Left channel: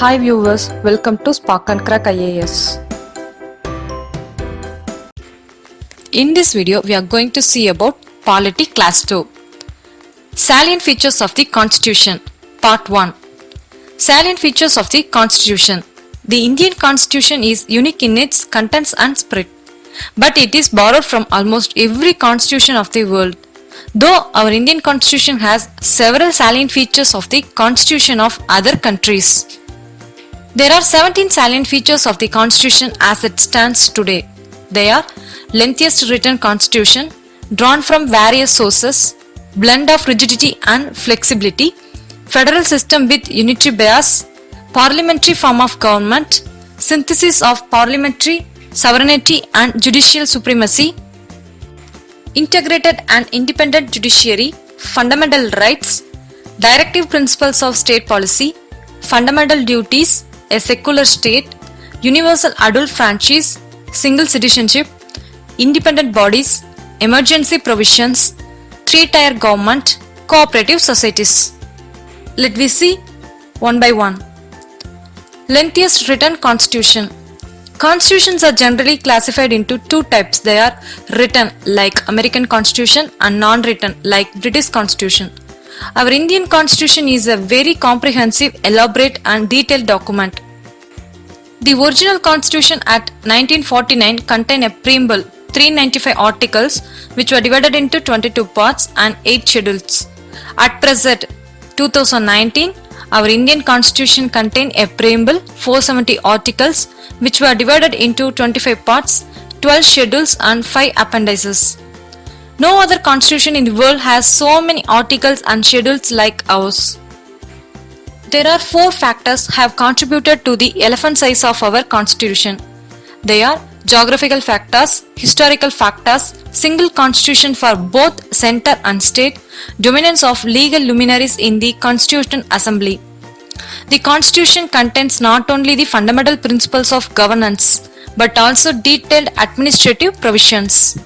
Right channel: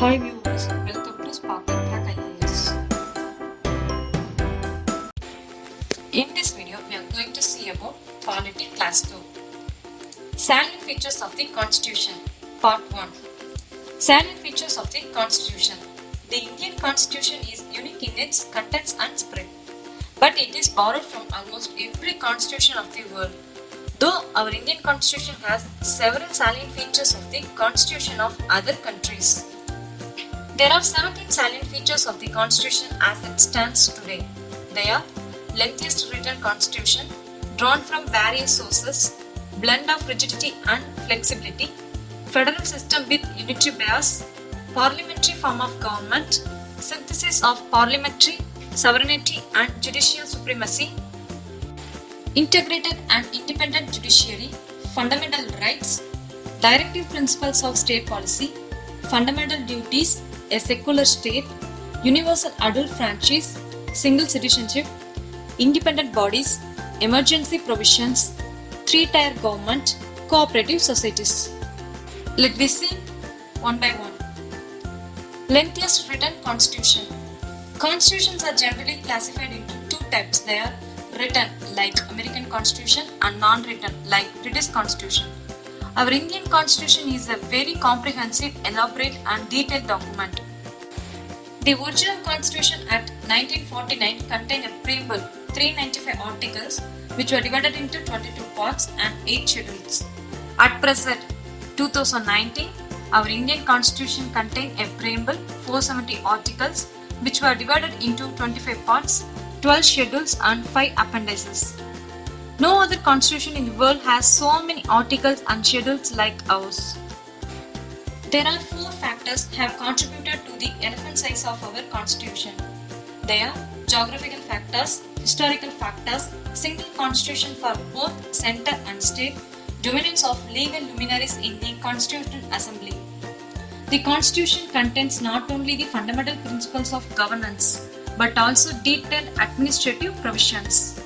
Hi viewers, welcome to Spark and Crack IAS. In this video, we are going to see about Polity Class 2. Salient features of the Constitution, Part 1. Salient features of the Constitution. The Indian Constitution is unique in its contents and spirit, but it is borrowed from almost every constitution of the world. Though our Indian Constitution has several salient features of the Constitution of other countries. There are 17 salient features of the Constitution as it stands today. They are lengthiest written Constitution, drawn from various sources, blend of rigidity and flexibility, federal system with unitary bias, parliamentary form of government, synthesis of parliamentary sovereignty and judicial supremacy, integrated and independent judiciary, fundamental rights, directive principles of state policy, fundamental duties, a secular state, universal adult franchise, single citizenship, independent bodies, emergency provisions, three-tier government, cooperative societies. Let me see one by one. Lengthiest written Constitution. Constitutions are generally classified into two types. They are written like American Constitution and non-written like British Constitution. Our Indian Constitution is a very comprehensive, elaborate and detailed document. The original Constitution at 1949 contained a preamble, 395 articles which were divided into 22 parts and 8 schedules. At present, 2019, our Indian Constitution contained a preamble, 470 articles which were divided into 25 parts, 12 schedules and 5 appendices. No other constitution in the world has so many articles and schedules like ours. There are 4 factors have contributed to the elephant size of our constitution. They are geographical factors, historical factors, single constitution for both center and state, dominance of legal luminaries in the Constituent Assembly. The Constitution contains not only the fundamental principles of governance but also detailed administrative provisions.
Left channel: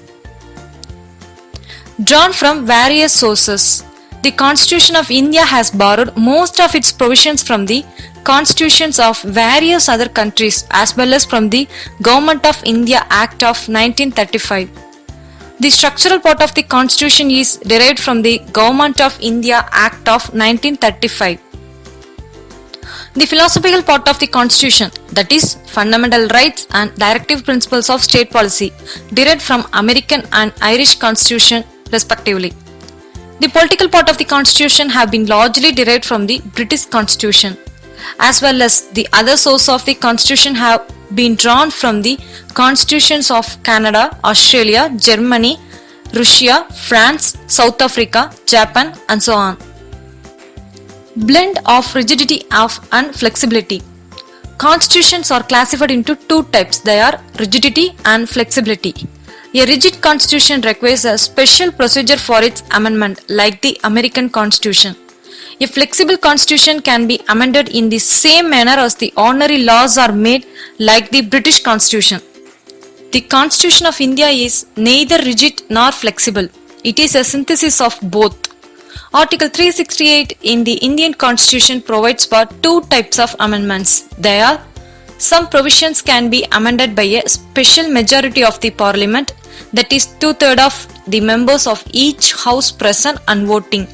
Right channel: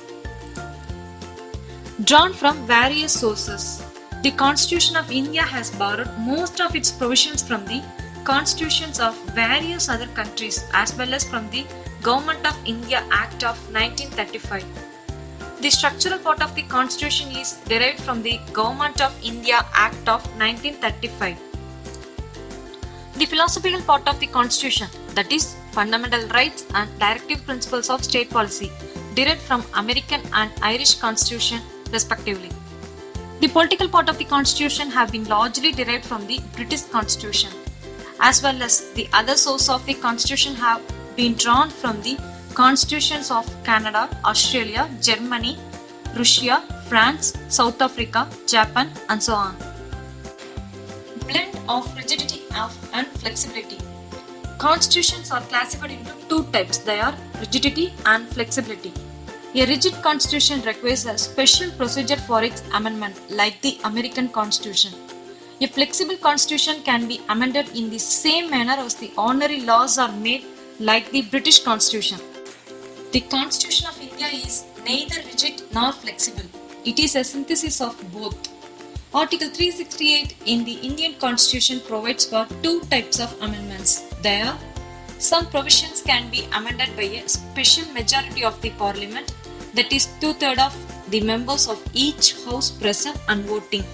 Drawn from various sources. The Constitution of India has borrowed most of its provisions from the constitutions of various other countries as well as from the Government of India Act of 1935. The structural part of the Constitution is derived from the Government of India Act of 1935. The philosophical part of the Constitution, that is, fundamental rights and directive principles of state policy, derived from American and Irish Constitution respectively. The political part of the Constitution have been largely derived from the British Constitution, as well as the other sources of the Constitution have been drawn from the constitutions of Canada, Australia, Germany, Russia, France, South Africa, Japan, and so on. Blend of rigidity and flexibility. Constitutions are classified into two types. They are rigidity and flexibility. A rigid constitution requires a special procedure for its amendment, like the American Constitution. A flexible constitution can be amended in the same manner as the ordinary laws are made, like the British Constitution. The Constitution of India is neither rigid nor flexible. It is a synthesis of both. Article 368 in the Indian Constitution provides for two types of amendments. They are: some provisions can be amended by a special majority of the Parliament, that is 2/3 of the members of each house present and voting,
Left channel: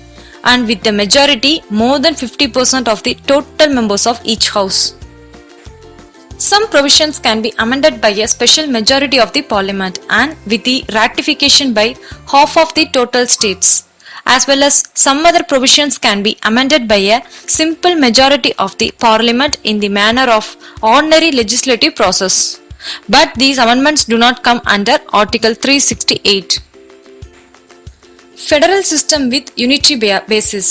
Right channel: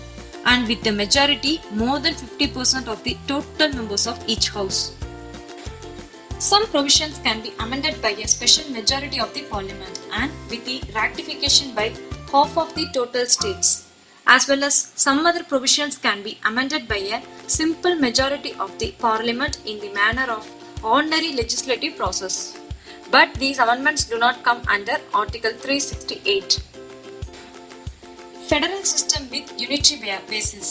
and with a majority more than 50% of the total members of each house. Some provisions can be amended by a special majority of the Parliament and with the ratification by half of the total states, as well as some other provisions can be amended by a simple majority of the Parliament in the manner of ordinary legislative process. But these amendments do not come under Article 368. Federal system with unitary basis.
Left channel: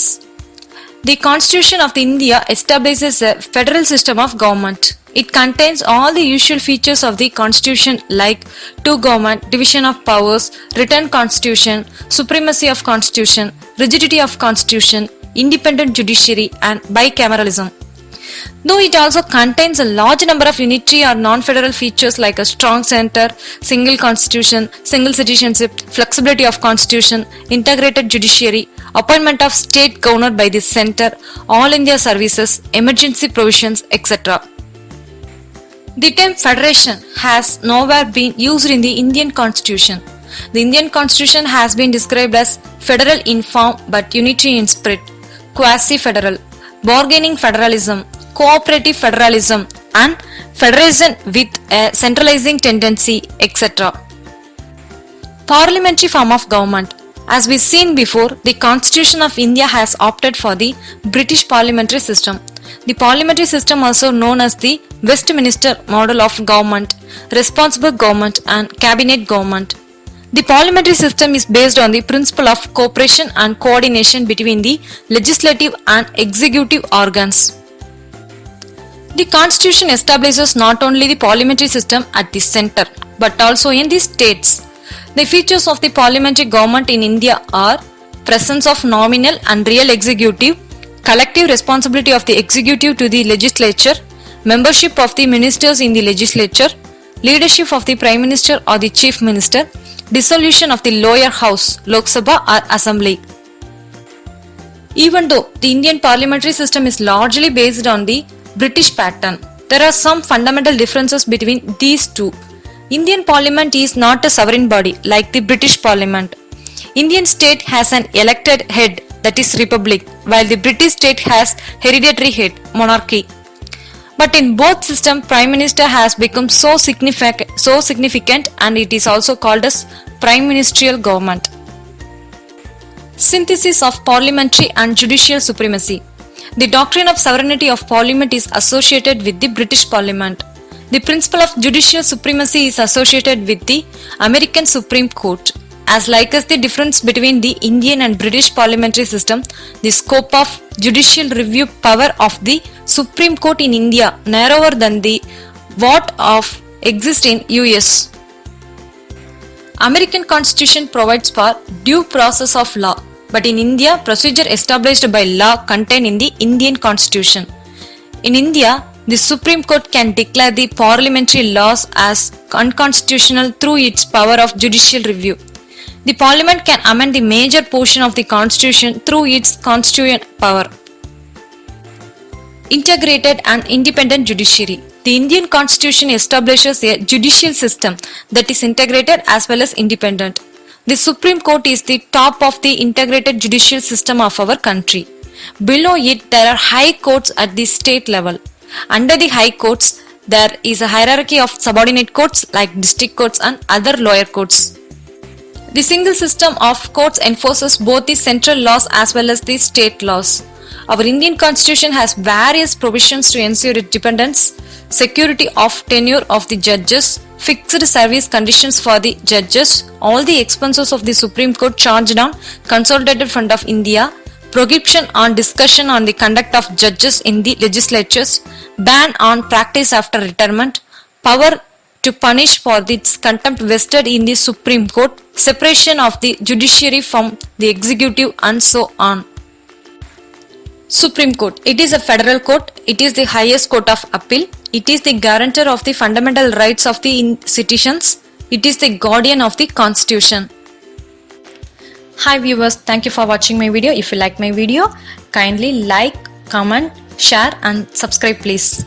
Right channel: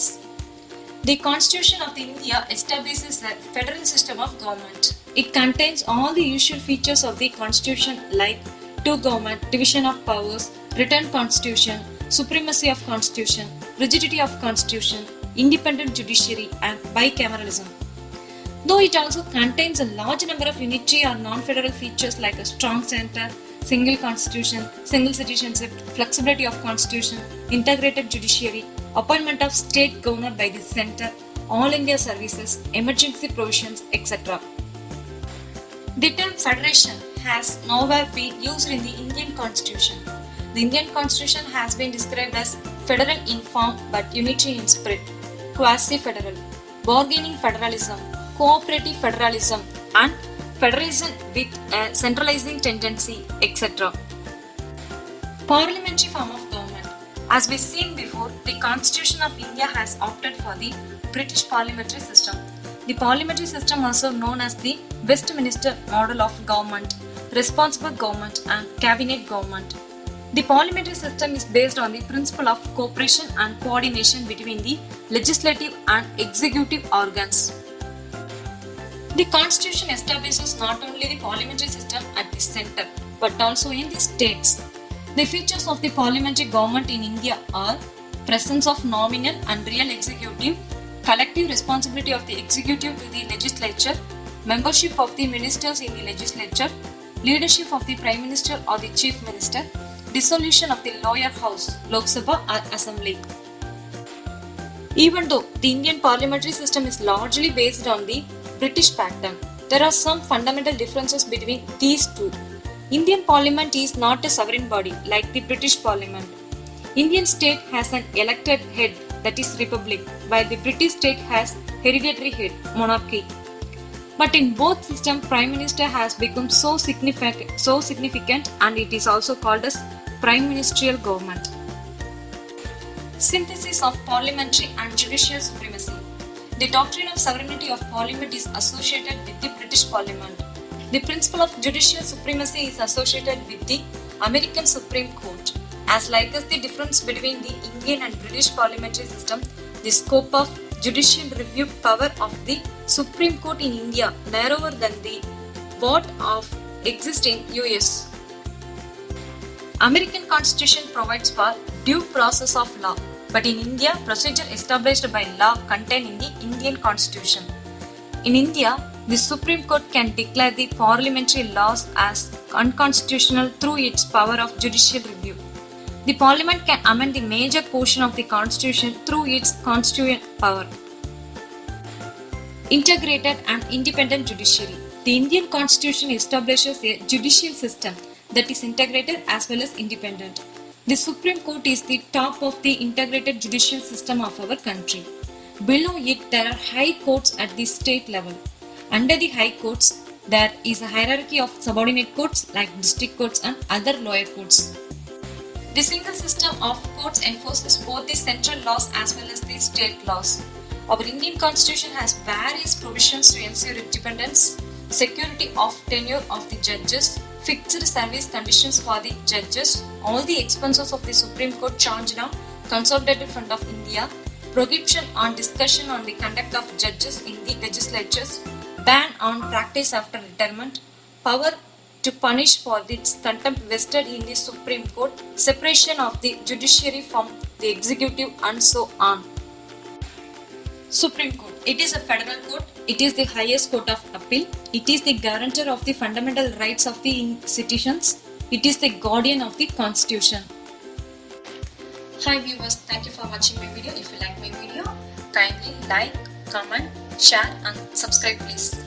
The Constitution of India establishes a federal system of government. It contains all the usual features of the Constitution like two government, division of powers, written Constitution, supremacy of Constitution, rigidity of Constitution, independent judiciary and bicameralism. Though it also contains a large number of unitary or non-federal features like a strong center, single constitution, single citizenship, flexibility of constitution, integrated judiciary, appointment of state governor by the center, all India services, emergency provisions, etc. The term federation has nowhere been used in the Indian constitution. The Indian constitution has been described as federal in form but unitary in spirit, quasi-federal, bargaining federalism, cooperative federalism, and federation with a centralizing tendency, etc. Parliamentary form of government. As we've seen before, the Constitution of India has opted for the British parliamentary system. The parliamentary system, also known as the Westminster model of government, responsible government, and cabinet government. The parliamentary system is based on the principle of cooperation and coordination between the legislative and executive organs. The Constitution establishes not only the parliamentary system at the center, but also in the states. The features of the parliamentary government in India are presence of nominal and real executive, collective responsibility of the executive to the legislature, membership of the ministers in the legislature, leadership of the Prime Minister or the Chief Minister, dissolution of the lower house, Lok Sabha or Assembly. Even though the Indian parliamentary system is largely based on the British pattern, there are some fundamental differences between these two. Indian Parliament is not a sovereign body like the British Parliament. Indian state has an elected head, that is Republic, while the British state has hereditary head, monarchy. But in both systems, Prime Minister has become so significant and it is also called as Prime Ministerial Government. Synthesis of parliamentary and judicial supremacy. The doctrine of sovereignty of Parliament is associated with the British Parliament. The principle of judicial supremacy is associated with the American Supreme Court. As like as the difference between the Indian and British parliamentary system, the scope of judicial review power of the Supreme Court in India narrower than the what of exist in US. American Constitution provides for due process of law, but in India, procedure established by law contained in the Indian Constitution. In India, the Supreme Court can declare the parliamentary laws as unconstitutional through its power of judicial review. The Parliament can amend the major portion of the Constitution through its constituent power. Integrated and independent judiciary. The Indian Constitution establishes a judicial system that is integrated as well as independent. The Supreme Court is the top of the integrated judicial system of our country. Below it, there are high courts at the state level. Under the high courts, there is a hierarchy of subordinate courts like district courts and other lower courts. The single system of courts enforces both the central laws as well as the state laws. Our Indian Constitution has various provisions to ensure independence, security of tenure of the judges, fixed service conditions for the judges, all the expenses of the Supreme Court charged on Consolidated Fund of India, prohibition on discussion on the conduct of judges in the legislatures, ban on practice after retirement, power to punish for its contempt vested in the Supreme Court, separation of the judiciary from the executive and so on. Supreme Court. It is a federal court. It is the highest court of appeal. It is the guarantor of the fundamental rights of the citizens. It is the guardian of the Constitution. Hi viewers, thank you for watching my video. If you like my video, kindly like, comment, share and subscribe please.